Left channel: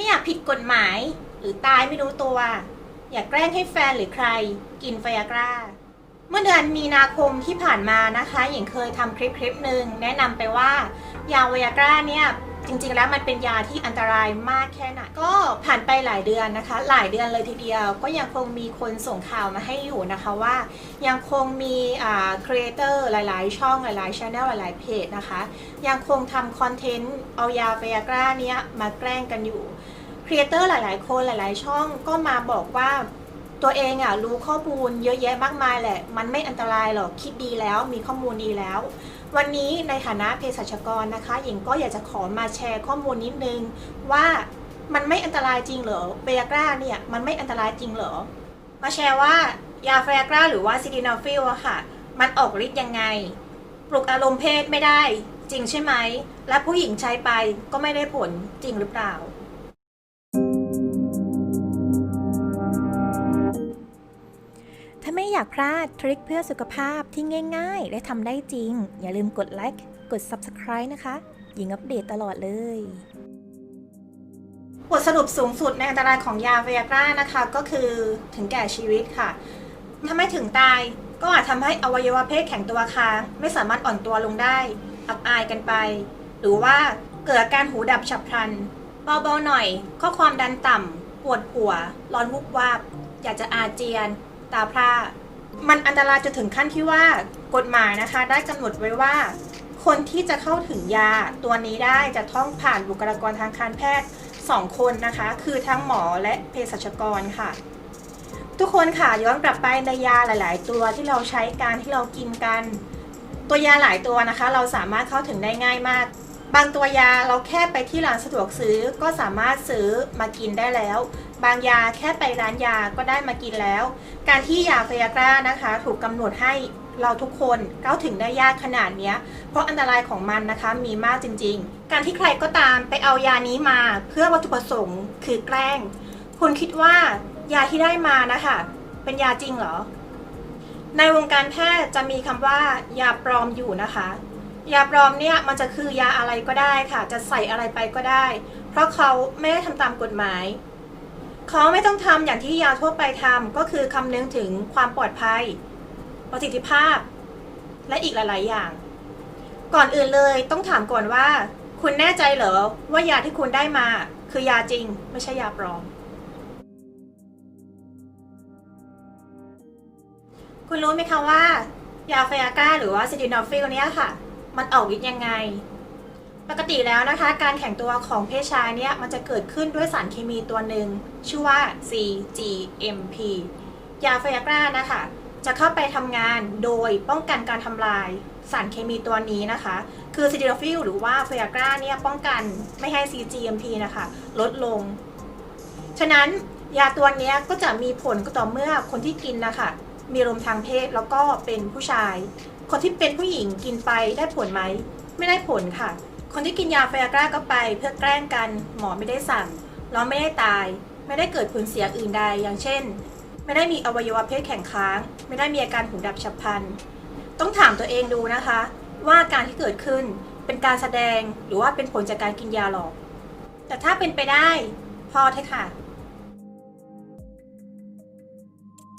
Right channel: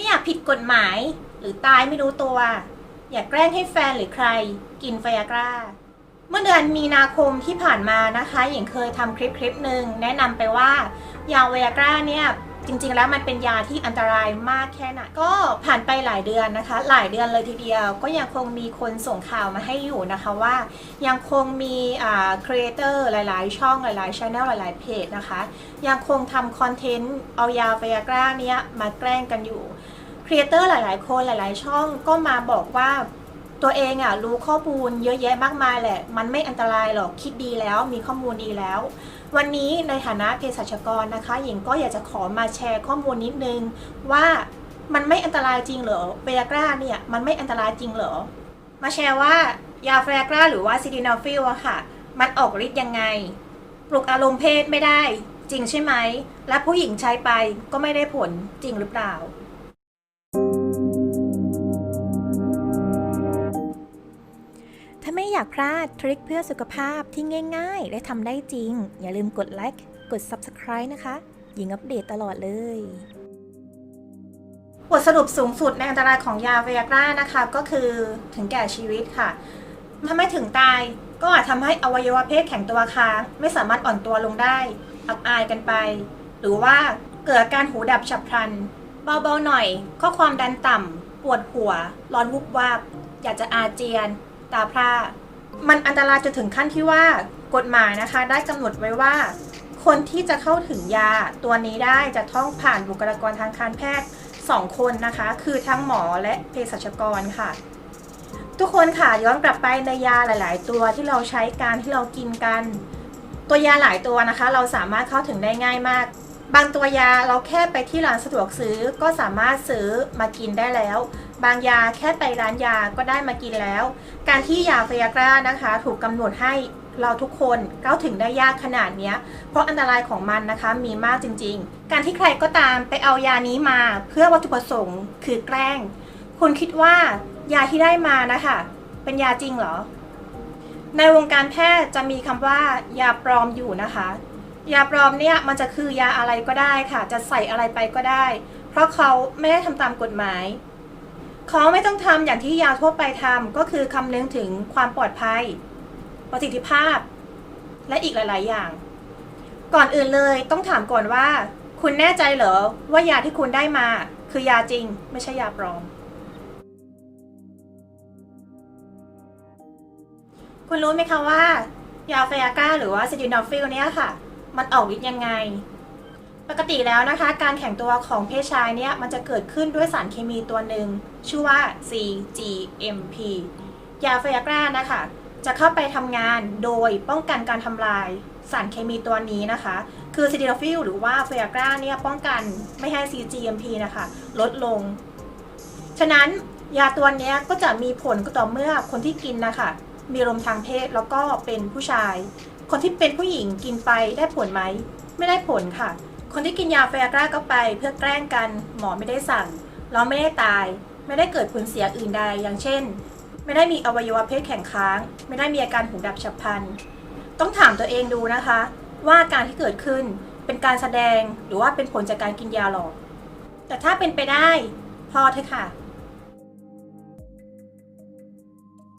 ไม่อยากผิดกฎหมาย หรือตายไม่รู้ตัว อยากแกล้งให้แฟนหรือใคร กินไฟยากราเมื่อเดือนมีนาคมที่ผ่านมานะคะหญิงเคยทำคลิปคลิปหนึ่งแนะนำไปว่ายาไวอากราเนี่ย จริงๆแล้วมันเป็นยาที่อันตรายมากแค่ไหนก็ผ่านไปหลายเดือนนะคะ หลายเดือนเลยทีเดียว ก็ยังคงมีคนส่งข่าวมาให้อยู่นะคะว่า ยังคงมีอ่าครีเอเตอร์หลายๆ ช่องหลายๆช anel หลายๆเพจนะคะ ยังคงทำคอนเทนต์เอายาไวอากร้าเนี้ยมาแกล้งกันอยู่ครีเอเตอร์หลาย ๆ คนหลาย ๆ ช่องก็มาบอกว่า ตัวเองอะรู้ข้อมูลเยอะแยะมากมายแหละ มันไม่อันตรายหรอกคิดดีแล้วมีข้อมูลดีแล้ว วันนี้ในฐานะเภสัชกรนะคะหญิงก็อยากจะขอมาแชร์ข้อมูลนิดนึง ว่ามันไม่อันตรายจริงเหรอเบียกราเนี่ยมันไม่อันตรายจริงเหรอ มาแชร์ว่ายาเบียกราหรือว่าซิดินาฟิลอะค่ะ มันออกฤทธิ์ยังไง ปลุกอารมณ์เพศไม่ได้จริงใช่ไหม และผู้หญิงใช้ไปก็ไม่ได้ผลจริงหรือเปล่าาไม่อยากพลาดทริคเพื่อสุขภาพที่ง่าย ๆ และทำได้จริง อย่าลืมกดไลค์กด Subscribe นะคะ หญิงอัปเดตตลอดเลยบทสรุปสูงสุดในอันตรายของยาเวียกรานะคะ ก็คือถึงแก่ชีวิตค่ะถ้าไม่ถึงตายก็อาจทำให้อวัยวะเพศแข็งตัวค้าง ไม่สามารถอ่อนตัวลงได้อับอายกันไป หรือว่าเกิดอาการหูดับฉับพลัน เบาๆหน่อยก็ความดันต่ำปวดหัว ร้อนวุบวาบ อยากจะอาเจียน ตาพร่ามันอันตรายจนถึงขั้นที่ว่ากฎหมายนะคะ ได้กำหนดไว้ว่า คนที่จะเข้าถึงยาตัวนี้ได้จะต้องผ่านบุคลากรทางการแพทย์ 2 คนนะคะ คือทั้งหมอและเภสัชกรค่ะ ทุกคนค่ะย้อนกลับไปในยาหลาย ๆ ตัวที่เราใช้การที่เรากินกัน ตัวยาหลายตัวนะคะ เราสามารถเข้าถึงได้ง่ายมาก บางตัวยาเราแค่ไปที่ร้านสะดวกซื้อก็สามารถซื้อมากินได้แล้ว บางยาแค่ไปร้านยาก็ได้มากินแล้ว การที่ยาเฟยากรานะคะ ถูกกำหนดให้เราทุกคนเข้าถึงได้ยากขนาดนี้เพราะอันตรายของมันนะคะมีมากจริง ๆ การที่ใครก็ตามไปเอายานี้มาเพื่อวัตถุประสงค์คือแกล้ง คุณคิดว่ายาที่ได้มานะคะเป็นยาจริงเหรอ ในวงการแพทย์จะมีคำว่ายาปลอมอยู่นะคะ ยาปลอมเนี่ยมันจะคือยาอะไรก็ได้ค่ะ จะใส่อะไรไปก็ได้ เพราะเขาไม่ได้ทำตามกฎหมาย เขาไม่ต้องทำอย่างที่ยาทั่วไปทำก็คือคำนึงถึงความปลอดภัย ประสิทธิภาพ และอีกหลาย ๆ อย่าง ก่อนอื่นเลยต้องถามก่อนว่า คุณแน่ใจเหรอว่ายาที่คุณได้มา คือยาจริง ไม่ใช่ยาปลอม คุณรู้ไหมคะว่า ยาไฟอาก้าหรือว่าซิดินอฟิลเนี่ยค่ะ มันออกฤทธิ์ยังไง ปกติแล้วนะคะ การแข็งตัวของเพศชายเนี่ยมันจะเกิดขึ้นด้วยสารเคมีตัวหนึ่งชื่อว่า CGMP ยาไฟอาก้านะคะ จะเข้าไปทำงานโดยป้องกันการทำลายสารเคมีตัวนี้นะคะ คือซิดินอฟิลหรือว่าไฟอากราเนี่ยป้องกันไม่ให้ CGMP นะคะ ลดลง ฉะนั้นยาตัวนี้ก็จะมีผลก็ต่อเมื่อคนที่กินนะคะมีลมทางเพศแล้วก็เป็นผู้ชาย คนที่เป็นผู้หญิงกินไปได้ผลไหม ไม่ได้ผลค่ะ คนที่กินยาไฟอากราก็ไปเพื่อแกล้งกัน หมอไม่ได้สั่ง เราไม่ได้ตาย ไม่ได้เกิดผลเสียอื่นใด อย่างเช่น ไม่ได้มีอวัยวะเพศแข็งค้าง ไม่ได้มีอาการหูดับฉับพลัน ต้องถามตัวเองดูนะคะ ว่าการที่เกิดขึ้นเป็นการแสดงหรือว่าเป็นผลจากการกินยาหรอก แต่ถ้าเป็นไปได้ พอเถอะค่ะ